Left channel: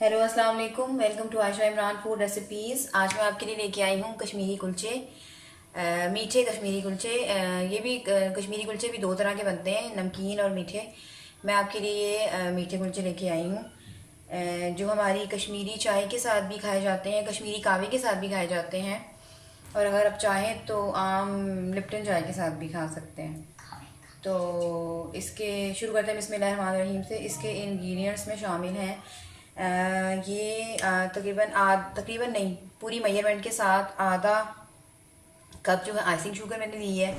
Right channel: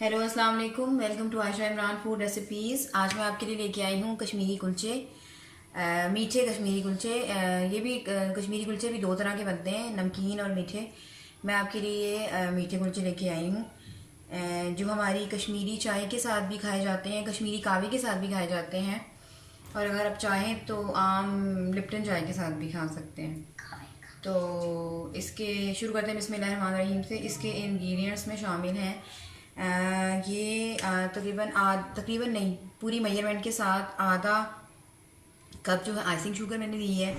Hello अस्सलाम वालेकुम। Welcome to Ayesha Imran food recipes. आज मैं आपके लिए लेके आई हूँ कश्मीरी कुलचे, मीठे कश्मीरी कुलचे। ये भी कश्मीरी कुलचे भी दो तरह के बनते हैं, नमकीन और मीठे। मैं आपके लिए मीठे कुलचे लेके आई हूँ, जो हमारी कश्मीरी चाय के साथ भी खाए जाते हैं, कश्मीरी कहवे के साथ भी खाए जाते हैं, और अगर आप चाहें तो आम लिप्टन चाय के साथ भी खा सकते हैं। तो इसके शुरू करते हैं बिस्मिल्लाहिर्रहमानिर्रहीम से। इसके इंग्रेडिएंट्स में शामिल हैं ये तकरीबन नहीं, पूरी मेजरमेंट के साथ आधा कप जो है आइसिंग शुगर मैंने ली है,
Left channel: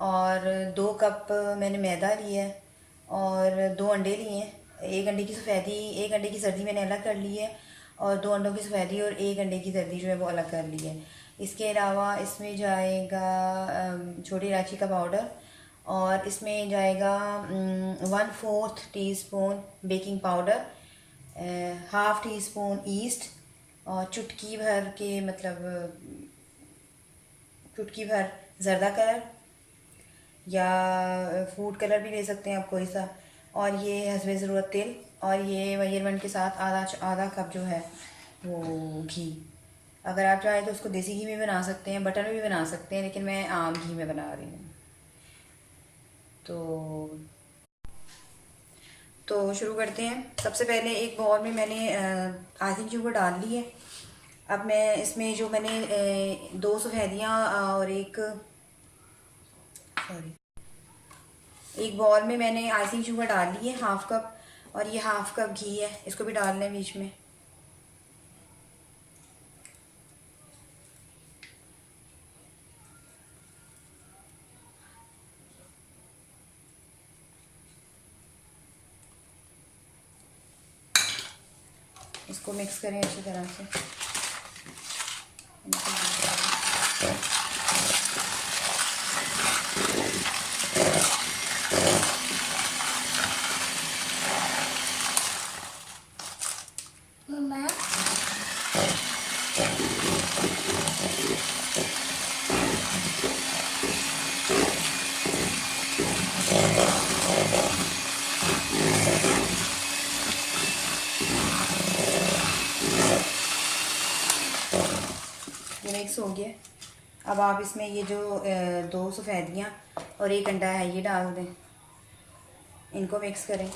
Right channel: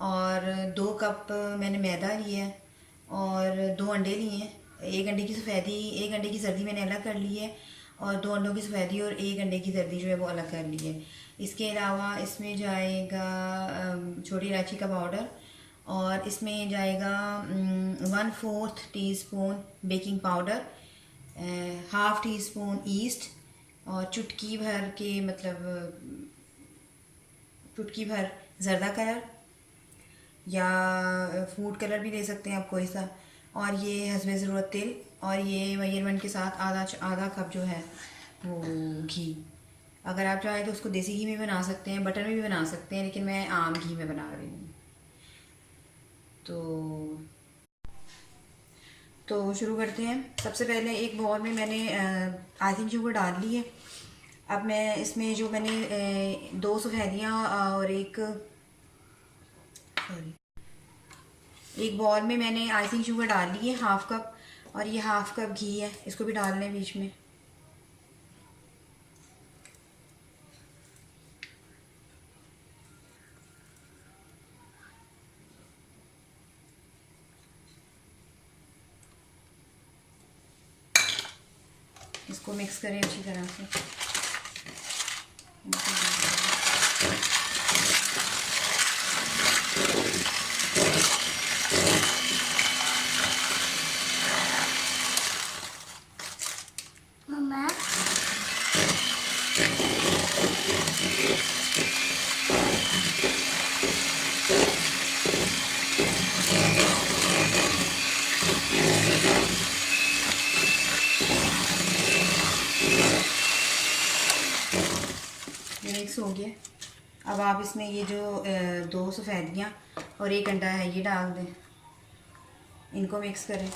और 2 कप मैंने मैदा लिया है, और 2 अंडे लिए हैं। एक अंडे की सफ़ेदी, एक अंडे की जर्दी मैंने अलग कर ली है, और 2 अंडों की सफ़ेदी और एक अंडे की जर्दी जो है वो अलग कर ली है। इसके अलावा इसमें जाएगा छोटी इलायची का पाउडर, और इसमें जाएगा 1/4 teaspoon baking powder, half tea spoon east, और चुटकी भर के चुटकी भर ज़र्दा कलर या फूड कलर भी ले सकते हैं आप कोई सा, और ये हस्बे ज़रूरत तेल, और ये मेजरमेंट के साथ आधा आधा कप जो है वो घी। अगर आप चाहें तो उसको देसी घी में बना सकते हैं, बटर में भी बना सकते हैं, लेकिन मैं आम घी में बना रही हूँ। तो शुरू करते हैं। सबसे पहले एक बाउल में मैंने आइसिंग शुगर डाल ली है। अब मैं इसमें जो मैंने 2 सफ़ेदियाँ और एक बाउल में मैंने आइसिंग शुगर डाल ली है, हाफ़ कप, और ये हाफ़ कप घी है, इसको भी डाल लें बीच में। इसको मिक्स करें अच्छी तरह से। ये मिक्स हो गया। अब आप इसमें ये जो 2 सफ़ेदियाँ और एक अंडा है ये डाल दें, इनको मिक्स करें।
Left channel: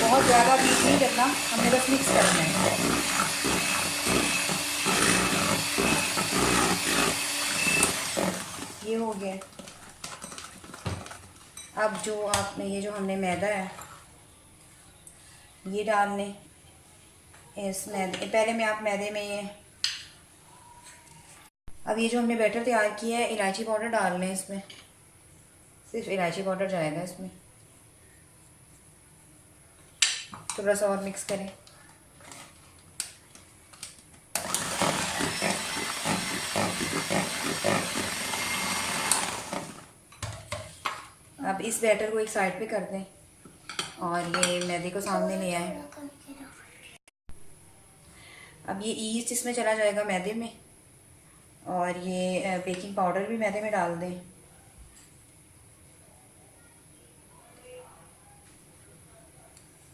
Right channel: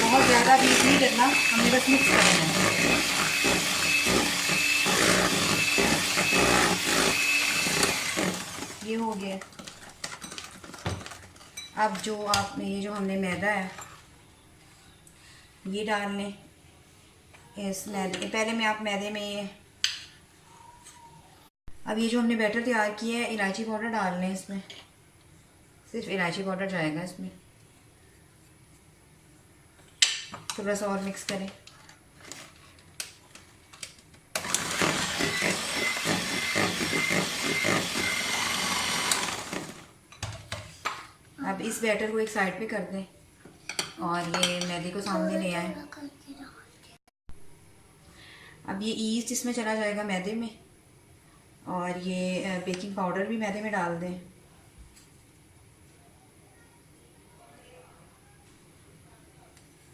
बहुत ज़्यादा बीट नहीं करना, हमने बस मिक्स करना है। ये हो गया। अब ये जो हमने मैदा है ये डाल लें इस मैदे। पहले में आप मैदे में अब ये जो हमने बैटर तैयार किया है, इलायची पाउडर डाल लें इसमें। सिर्फ इलायची पाउडर जाएगा इसमें। थोड़ा सा और मिक्स करें। अब इस बैटर को एक साइड पे कर दें, और ये मैदे को सामने ले आए। अब ये ईस्ट इसमें चला जाएगा मैदे में, और ये बेकिंग पाउडर भी मैदे में डाल दें।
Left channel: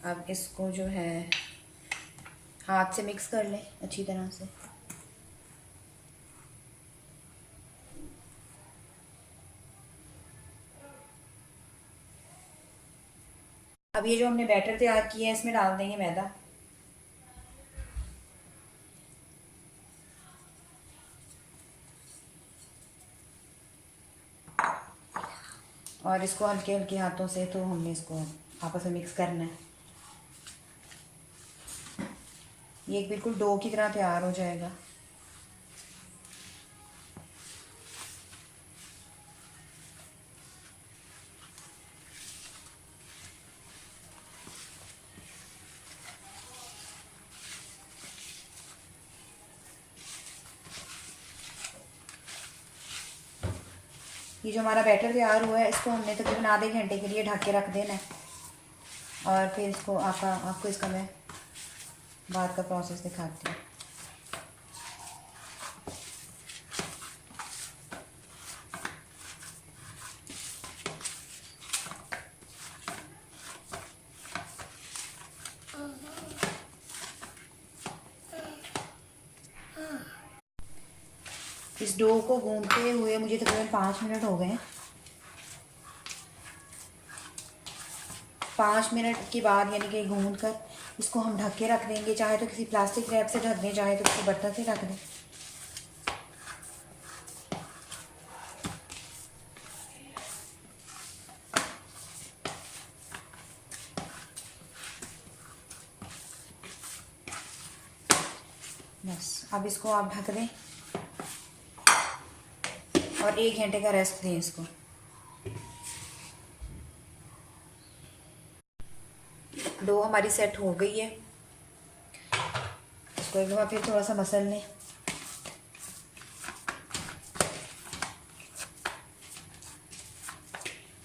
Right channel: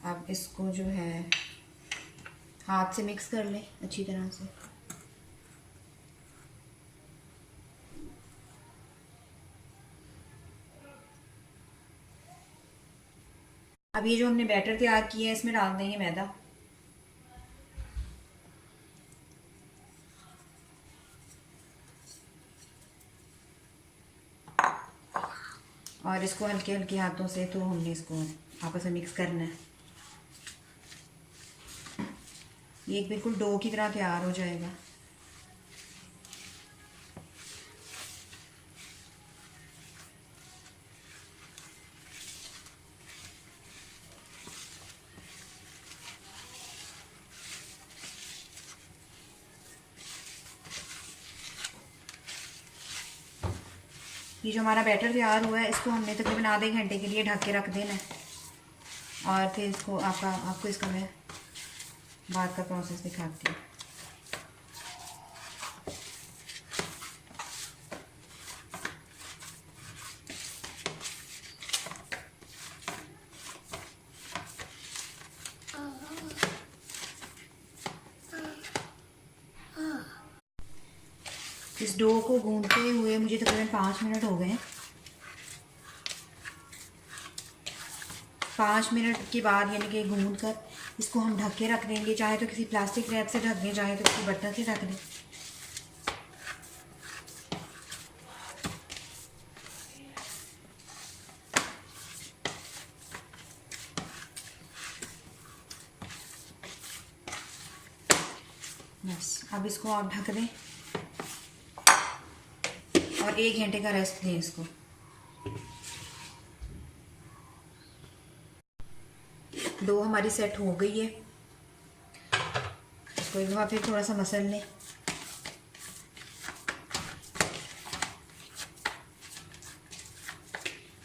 अब इसको जो है हाथ से मिक्स कर लें अच्छी तरह से। अब ये जो हमने बैटर तैयार किया है इसमें डाल देंगे मैदा। और इसको हल्के हल्के हाथों से तो हमने इसको आपस में मिक्स करना है। ये एक बिल्कुल डो की तरह तैयार हो जाएगा। ये जो हमारा बैटर तैयार हुआ है इसको हमने तकरीबन आधे घंटे के लिए ढक के रख देना है, और फिर इसको आपको इसका मैं बाद का प्रोसेस दिखाती हूँ। इस डो को गूंदते हुए मुझे तकरीबन 5 मिनट हो गए। 5 मिनट के बाद यानी कि गूंद कर इसको हम ढक के रख देंगे। चाहे तो किसी प्लास्टिक रैप से ढक दें, चाहे तो किसी बर्तन से ढक दें। बस अब इसको आप ढक दें और 1 घंटे का रेस्ट दें इसको। डो हमारी सेट हो गई है। इसको एक बार फिर थोड़ा सा मसल लें।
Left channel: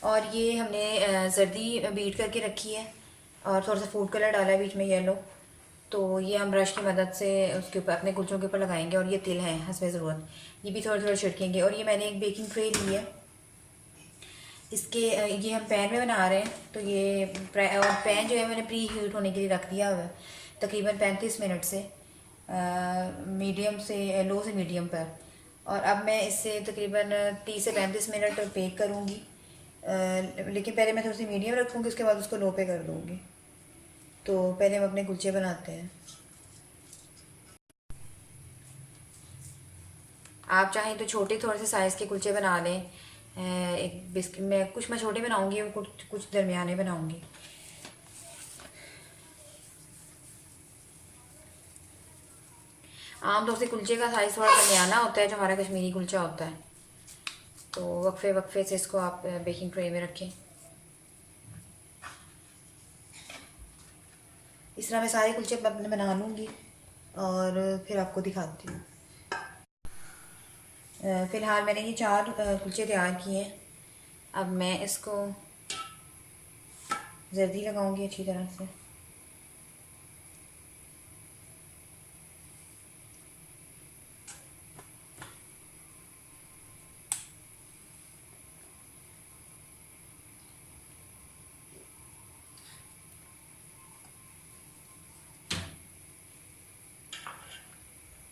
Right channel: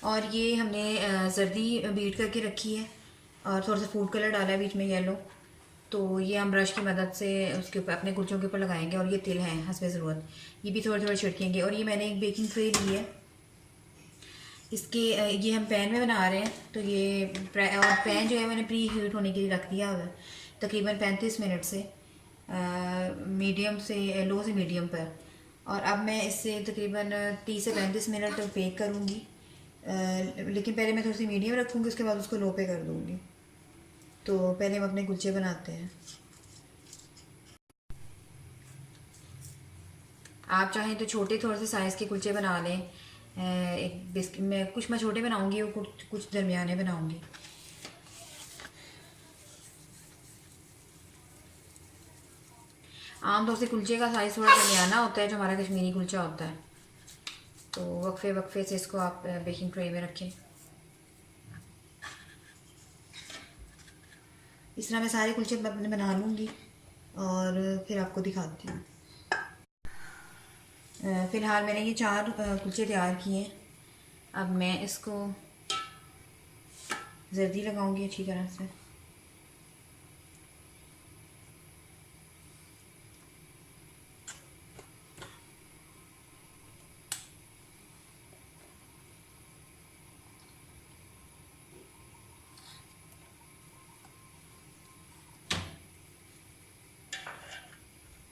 और ये हमने जर्दी बीट करके रखी है और थोड़ा सा फूड कलर डाला है बीच में येलो। तो ये हम ब्रश की मदद से उसके ऊपर अपने कुलचों के ऊपर लगाएंगे। और ये तिल है हस्बे ज़रूरत, ये भी थोड़ा थोड़ा छिड़केंगे। और ये मैंने एक बेकिंग ट्रे ली है, इसके ये हम पैन में बना रहे हैं। तो ये और पैन जो है मैंने प्री हीट होने के लिए रख दिया हुआ है तकरीबन 35 मिनट से मीडियम से लो से मीडियम पर। और अब मैं इससे तकरीबन 30 से 35 मिनट बेक करूँगी। लेकिन पहले मैं थोड़ी सी मीडियम रखूँगी, उसके बाद उसको लो पे कर दूँगी। तो पहले हम अपने कुलचे बनाते हैं। आप चाहें तो छोटे थोड़े से साइज़ के कुलचे बना लें। एक बिस्किट में कुछ मैं छोटे बनाऊंगी और कुछ दरमियाने बनाऊंगी। आमतौर से कुलचे का साइज़ थोड़ा दरमियाना होता है जो हमारा कश्मीरी कुलचा होता है। तो वक्फे वक्फे से इसको आप बेकिंग ट्रे में रखें। इस तरह मैं सारे कुलचे अपने बना लूँगी और फिर आपको दिखाती हूँ। फ़िलहाल मैंने ये 4 कुलचे तैयार किए हैं। अब मैं इसको जर्दी लगाऊंगी अच्छी तरह से।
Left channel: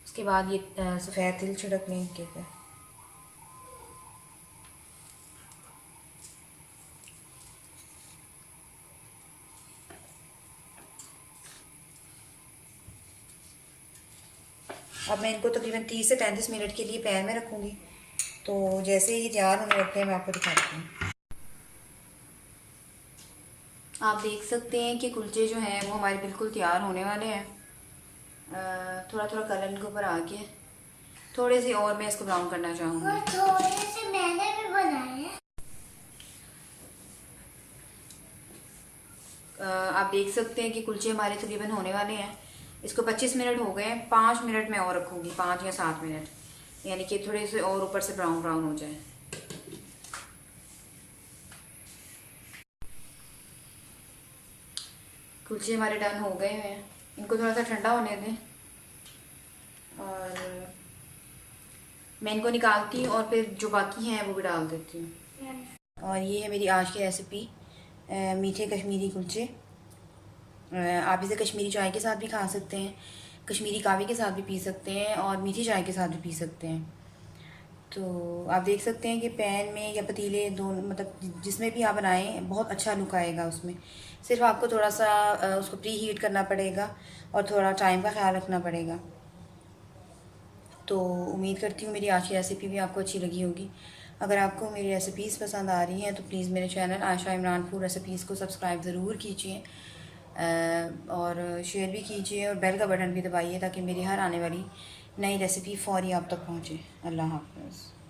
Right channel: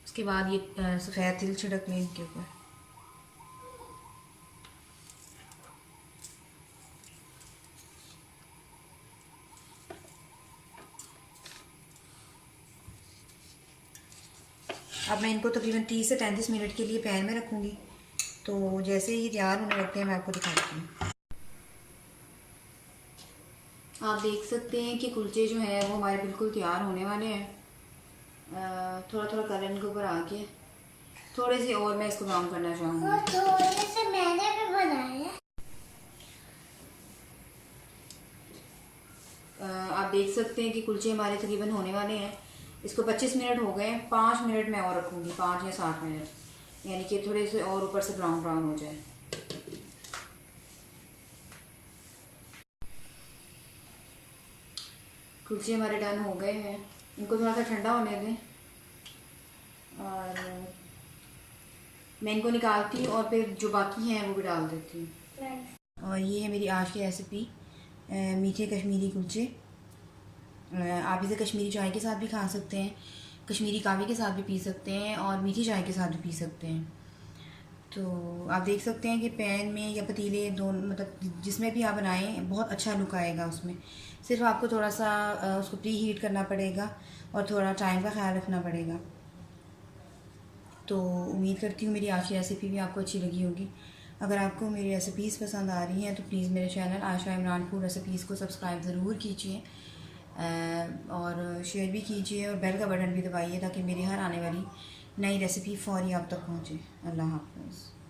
उसके बाद ये सफ़ेद तिल छिड़क लें इनके ऊपर। अब मैं इनको तकरीबन 30 से 35 मिनट के लिए पैन में रखूँगी। तो जैसे ही तैयार होने लगते हैं मैं आपको दिखाती हूँ। आप देख सकते हैं कि कुलचे जो हैं वो हमारे बिल्कुल तैयार होने वाले हैं। थोड़ा थोड़ा कलर इनके ऊपर आ गया। थोड़े से और मैं इसको ब्राउन करना चाहूँगी। थोड़े से मैंने भी बनाए हैं। आप देख सकते हैं कि कुलचे हमारे तकरीबन होने वाले हैं। इसको 25 मिनट हो गए हैं। 5 मिनट में और रखूँगी, 5 या 7 मिनट, यानी कि थोड़े से और ऊपर से ब्राउन ब्राउन हो जाए। कुलचे हमारे डन हो गए हैं। इनको थोड़ा सा ठंडा होने दें और मैं इनको निकालती हूँ और फिर जो बाकी हैं वो भी डाल देती हूँ। और ये है मेरी आज की रेसिपी, मीठे कश्मीरी कुलचे। आप इसे कश्मीरी चाय के साथ भी खा सकते हैं, कश्मीरी कावे के साथ भी पी सकते हैं और मीठी चाय के साथ भी पी सकते हैं। तो आप देख सकते हैं कि पैन में या पतीले दोनों, मतलब जिसमें भी आप बनाएं, बहुत अच्छा लुक आएगा उसमें। सिर्फ आपको थोड़ा सा उसको प्री हीट करना पड़ेगा और थोड़ा टाइम का ख्याल रखना पड़ेगा। तो उम्मीद करती हूँ मेरी आज की रेसिपी भी आपको अच्छी लगी होगी। अगर आपको मेरी रेसिपीज़ पसंद आ रही हैं तो प्लीज़ मेरे channel Ayesha Imran food recipes को सब्सक्राइब ज़रूर कीजिए और शेयर भी कीजिए और बेल का बटन भी दबाइए ताकि मेरी हर आने वाली नई रेसिपी फ़ौरी आप तक पहुँचे। अल्लाह हाफ़िज़।